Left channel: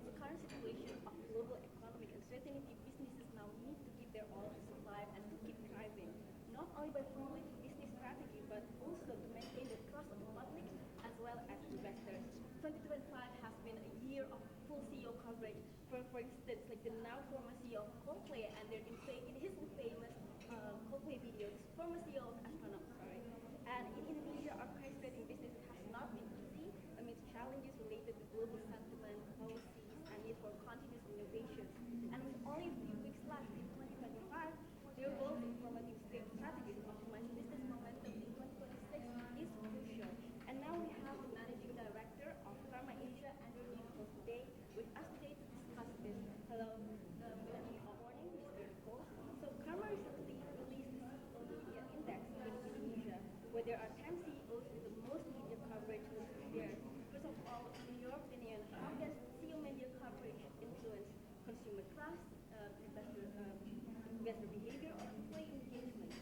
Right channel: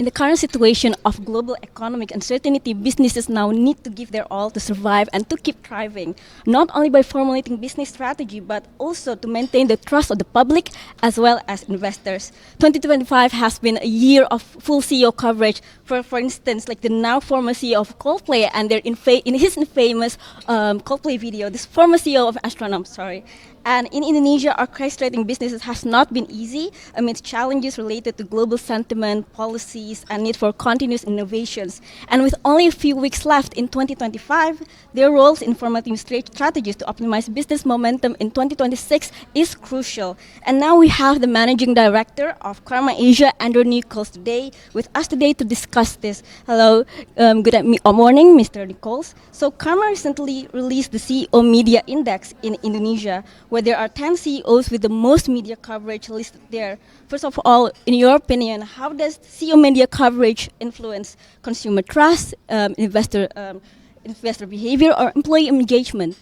In the current situation of global economic uncertainty, businesses now need to give their all to survive and to keep thriving, not only by formulating business strategy, but also to maintain the trust of the public as well as investors. 2025 has been a year of full CEO coverage. For instance, like the now former CEO of Coldplay and in his infamous Coldplay video, this former CEO of Astronom, sorry. And in Indonesia, orchestrating businesses has not been easy amidst challenges related to global sentiment, policies, and need for continuous innovations. And with only a few weeks left in 2025, their roles in formatting strategies to optimize business momentum in 2026 is crucial. And now we have the Managing Director of Carma Asia, Nicholls, with us today to discuss this. Hello, good morning, Mr. Nicholls. So Carma recently released the CEO Media Index in Indonesia, where there are 10 CEOs with the most media coverage listed there. First of all, in your opinion, how does CEO media coverage influence consumer trust, investor behavior, or employee engagement?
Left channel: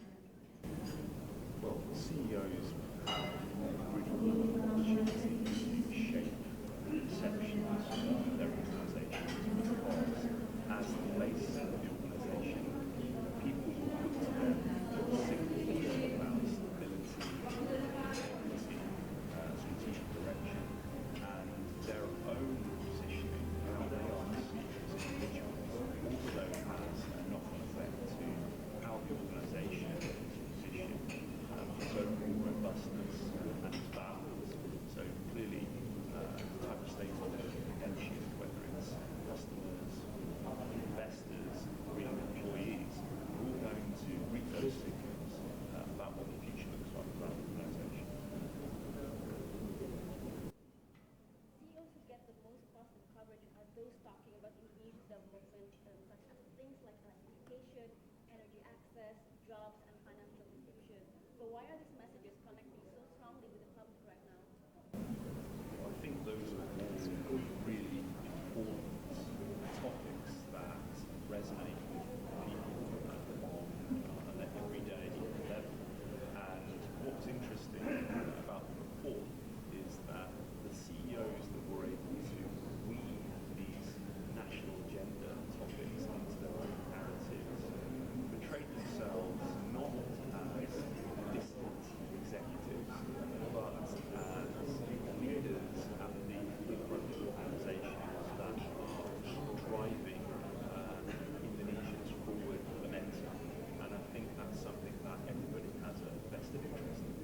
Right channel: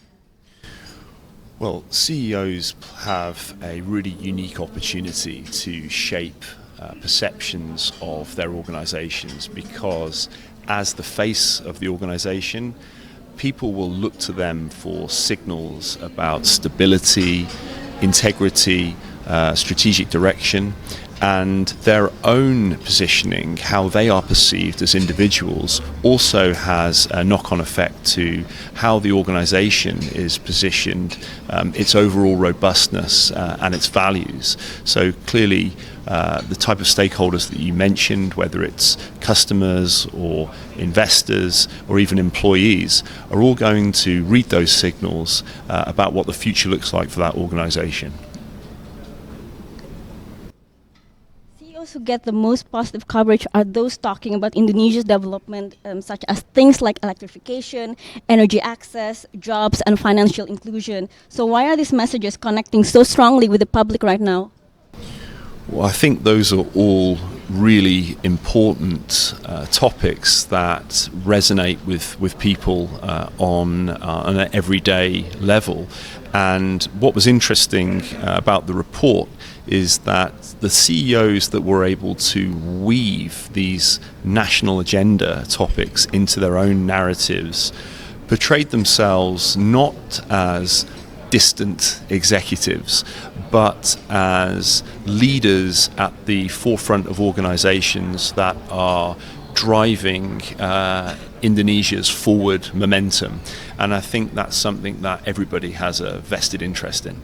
Well, CEOs have a really unique opportunity to shape perceptions of their organizations, because as the face of the organization, people will look to them for signals about stability, integrity, strategic direction, and their own positioning, how they are perceived as individuals, also has a knock-on effect to how the organization is positioned, its overall robustness and its values. So clearly the type of stakeholders that you mentioned, whether it's customers or investors or even employees, are all going to read those signals about what the future looks like for that organization. CEOs who get the most positive coverage are those talking about Indonesia's development, such as things like electrification, energy access, jobs, and financial inclusion. So why are these messages connecting so strongly with the public right now? Well, I think those are all really important topics that resonate with people on an everyday level. And what was interesting about the report is that the CEOs that were able to weave these national agenda topics into their own narratives portrayed themselves not as distant executives, but as leaders at the forefront of organizations that are driving Indonesia's forward momentum. And I think that's something that everybody has a vested interest in.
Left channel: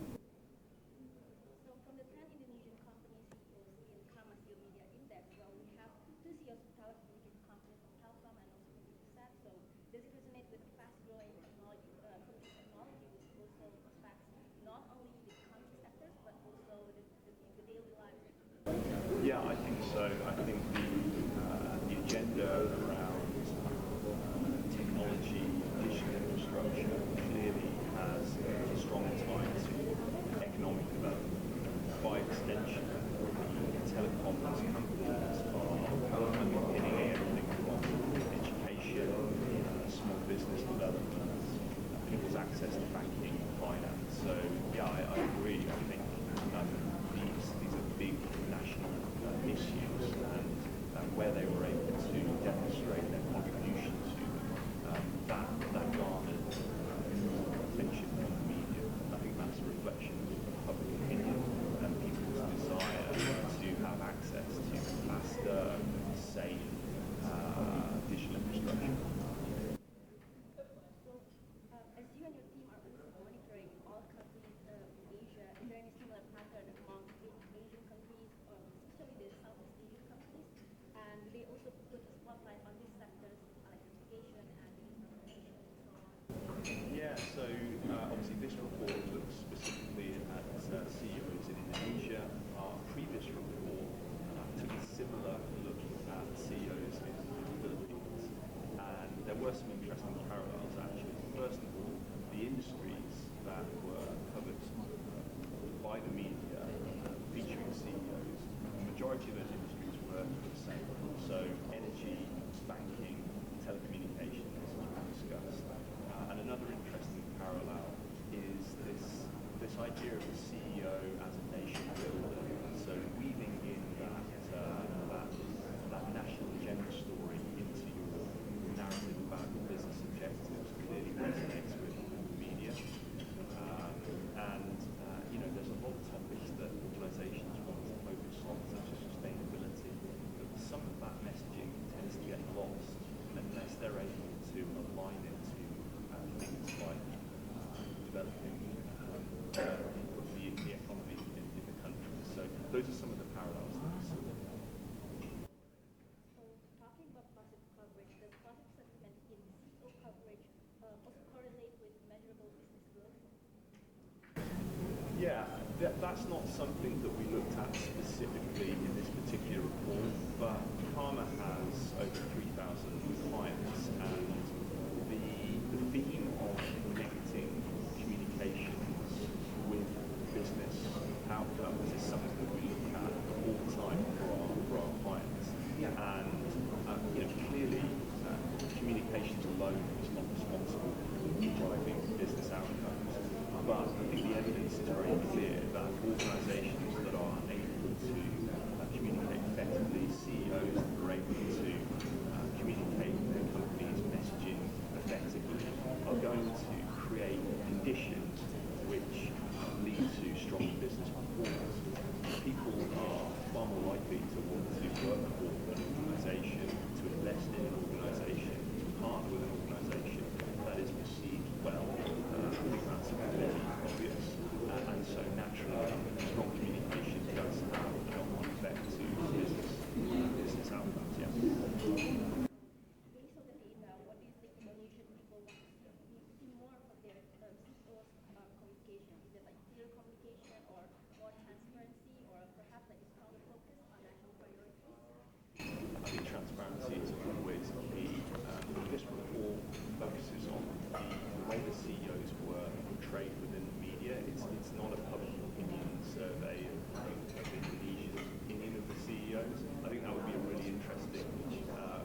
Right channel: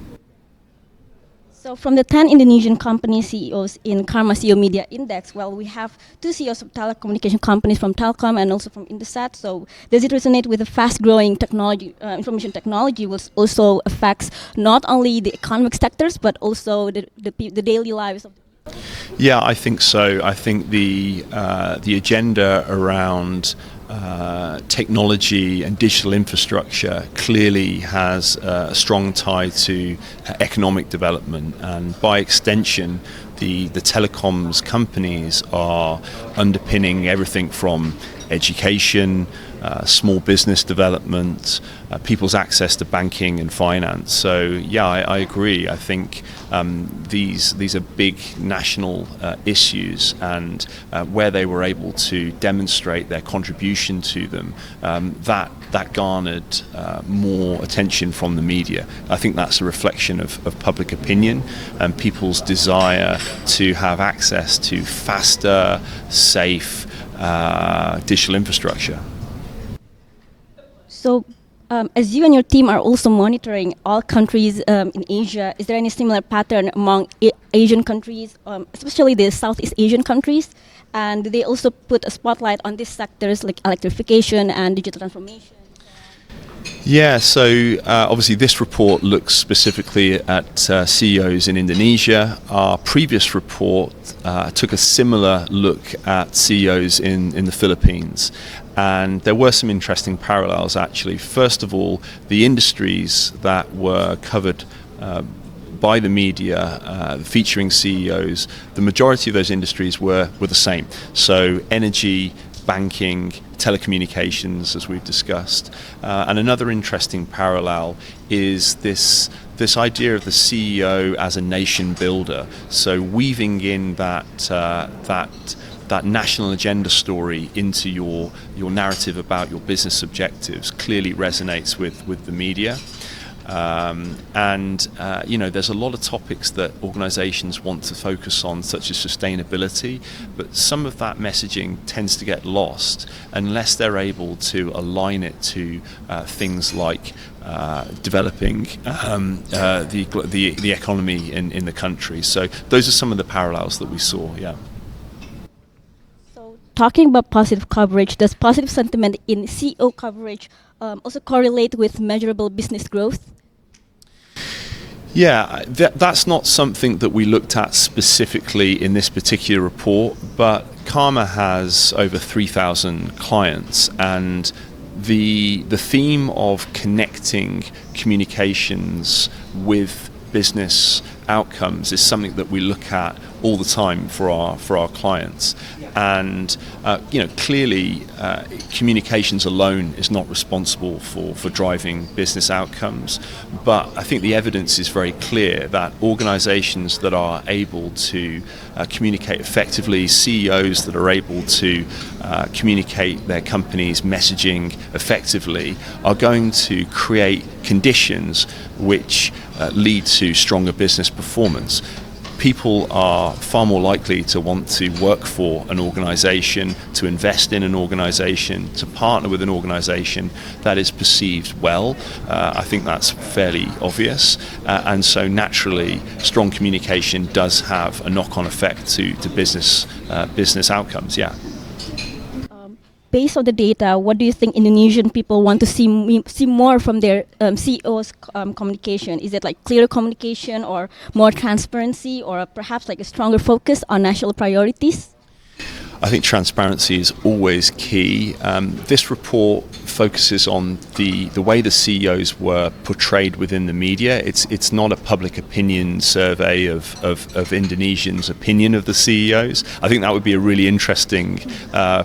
So from the 10 Indonesian company CEOs in Carma CEO Media Index, well, we have 2 CEOs of telecommunication companies from Telkom and also from Indosat. So does it resonate with the fast-growing technology, information technology, which also affects not only the economic sectors, but also the daily lives of the people? Yeah, I think so. I think the agenda around technology and digital infrastructure clearly has a strong tie to economic development, and by extension the telecoms companies are underpinning everything from education, small business development, people's access to banking and finance. So yeah, I agree. I think these are big national issues, and where they were able to demonstrate their contribution to them, that garnered more attention from the media. I think that's a reflection of public opinion and people's desire to have access to faster, safe digital infrastructure. So, as you and your team are also monitoring all countries in Asia, is there any similar pattern among Asian countries, especially the Southeast Asian countries? And do they also put a spotlight on these sectors like electrification and digital transformation? Yeah, so obviously this report looks specifically at CEOs in Indonesia. Our previous report took a similar look at CEOs in the Philippines. And there were some interesting parallels, actually. First of all, the industries that were covered by the media featuring CEOs, the majority of those industries were the same. So energy, banking, telecommunications, as we've discussed. And another interesting parallel is this idea of the CEO as a nation builder. So weaving in that that national agenda story into your narrative about your business objectives clearly resonates with the media. There's a lot of topics that organizations want to focus on, such as sustainability, but some of that messaging tends to get lost unless they're able to align it to things like developing the economy in the country. So those are some of the parallels that we saw, yeah. So talking about positive coverage, does positive sentiment in CEO coverage also correlate with measurable business growth? Yeah, that's not something that we looked at specifically in this particular report, but Karma has over 3,000 clients, and the theme of connecting communications with business outcomes is something that we look at all the time for our clients. And clearly communications alone is not responsible for driving business outcomes, but I think the evidence is very clear that organizations that are able to communicate effectively, CEOs that are able to communicate their company's messaging effectively, are going to create conditions which lead to stronger business performance. People are far more likely to want to work for an organization, to invest in an organization, to partner with an organization that is perceived well. I think that's fairly obvious. And so naturally, strong communication does have a knock-on effect to business outcomes, yeah. Based on the data, what do you think Indonesian people want to see more from their CEOs' communication? Is it like clearer communication, or more transparency, or perhaps like a stronger focus on national priorities? I think transparency is always key. This report focuses on the way the CEOs were portrayed within the media. It's not a public opinion survey of Indonesians' opinion of the CEOs. I think that would be a really interesting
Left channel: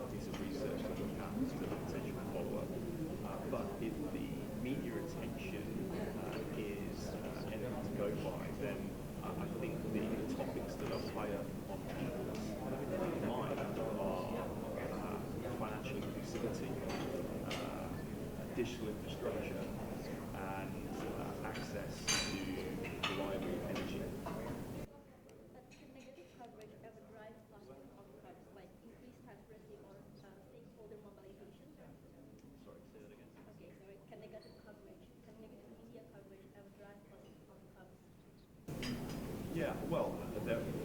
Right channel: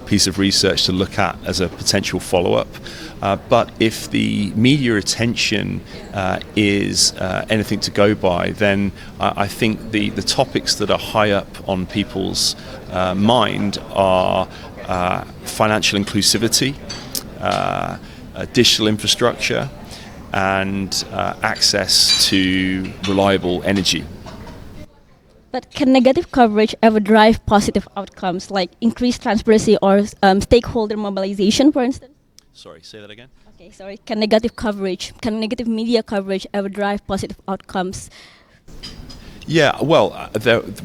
piece of research to look at as a potential follow-up. But if the media attention is anything to go by, then I think the topics that are high up on people's mind are financial inclusivity, digital infrastructure, and access to reliable energy. But can negative coverage ever drive positive outcomes, like increased transparency or stakeholder mobilization, for instance? Sorry, say that again? Okay, sorry. Can negative media coverage ever drive positive outcomes? Yeah, well,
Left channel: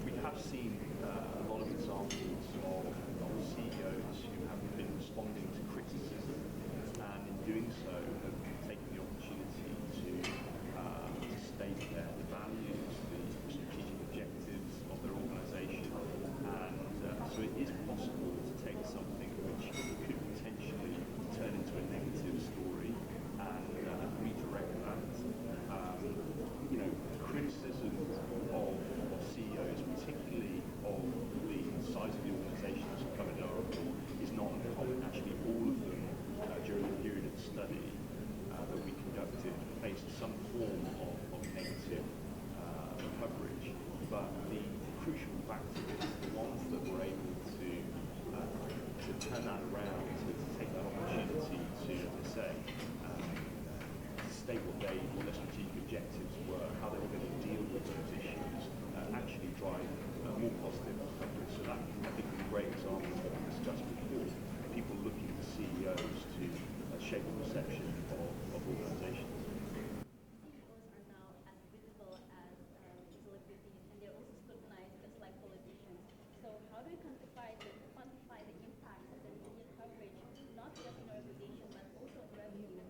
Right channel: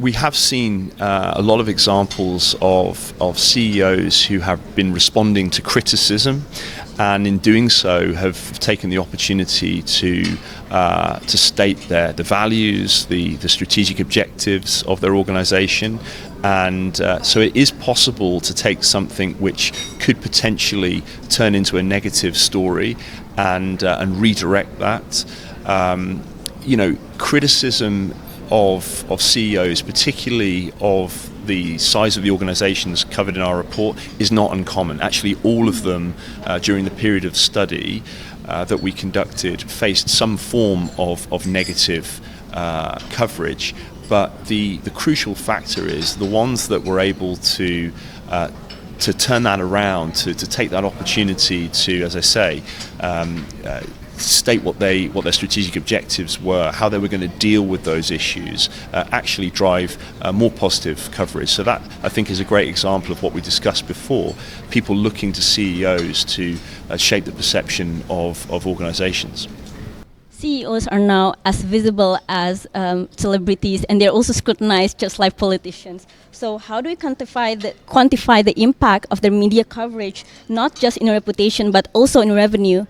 we have seen a lot of examples of CEOs who have been responding to criticism, and in doing so have taken the opportunity to state the values, the strategic objectives of their organization. And so it is possible to take something which could potentially turn into a negative story and redirect that. Criticism of CEOs, particularly of the size of the organizations covered in our report, is not uncommon. Actually, all of them during the period of study that we conducted faced some form of negative coverage. But the crucial factor is the ones that were able to turn that around, to take that opportunity to, as I say, state what their strategic objectives were, how they were going to deal with those issues, actually drive more positive coverage. So that, I think, is a great example of what we discussed before, people looking to CEOs to shape the perception of organizations. CEOs are now as visible as celebrities, and they're also scrutinized just like politicians. So how do we quantify the impact of their media coverage, not just in reputation, but also in revenue?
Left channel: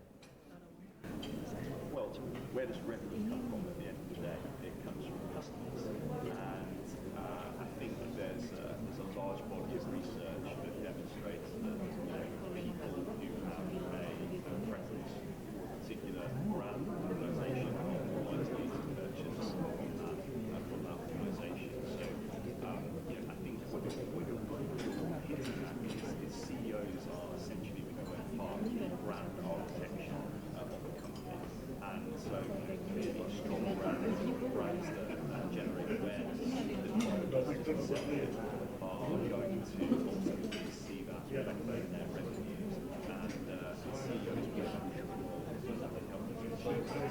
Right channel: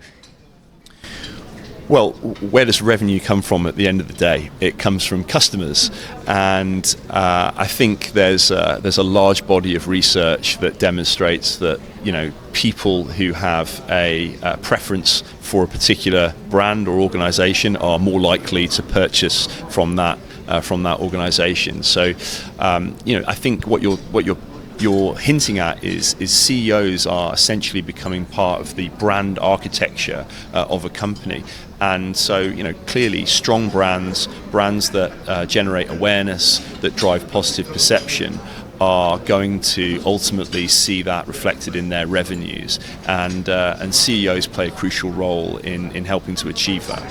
Well, where does revenue come from at the end of the day? It comes from customers, and I think there's a large body of research that demonstrates that people who have a preference for a particular brand or organisation are more likely to purchase from that organisation. So I think what you're hinting at is CEOs are essentially becoming part of the brand architecture of a company. And so, clearly strong brands that generate awareness, that drive positive perception, are going to ultimately see that reflected in their revenues, and CEOs play a crucial role in helping to achieve that.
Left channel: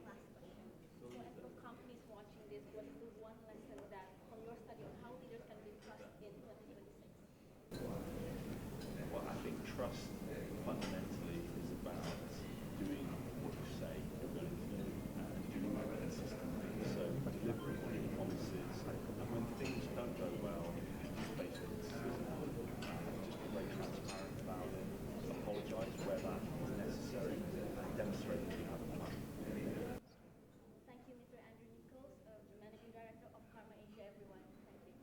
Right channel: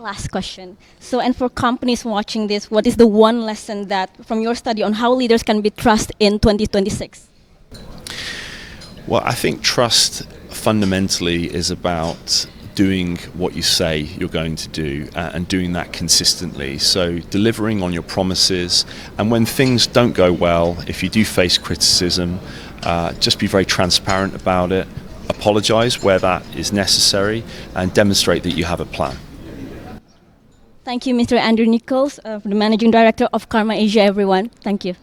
Last question. So, and for companies watching this, what is the one lesson that from your study on how leaders can be trusted in 2026? Well, I think trust fundamentally is about doing what you say you're going to do and doing that consistently. So delivering on your promises, and when things don't go well, if you do face criticism, just be very transparent about it, apologize where that is necessary, and demonstrate that you have a plan. Thank you, Mr. Andrew Nicholls, the Managing Director of Carma Asia, everyone. Thank you.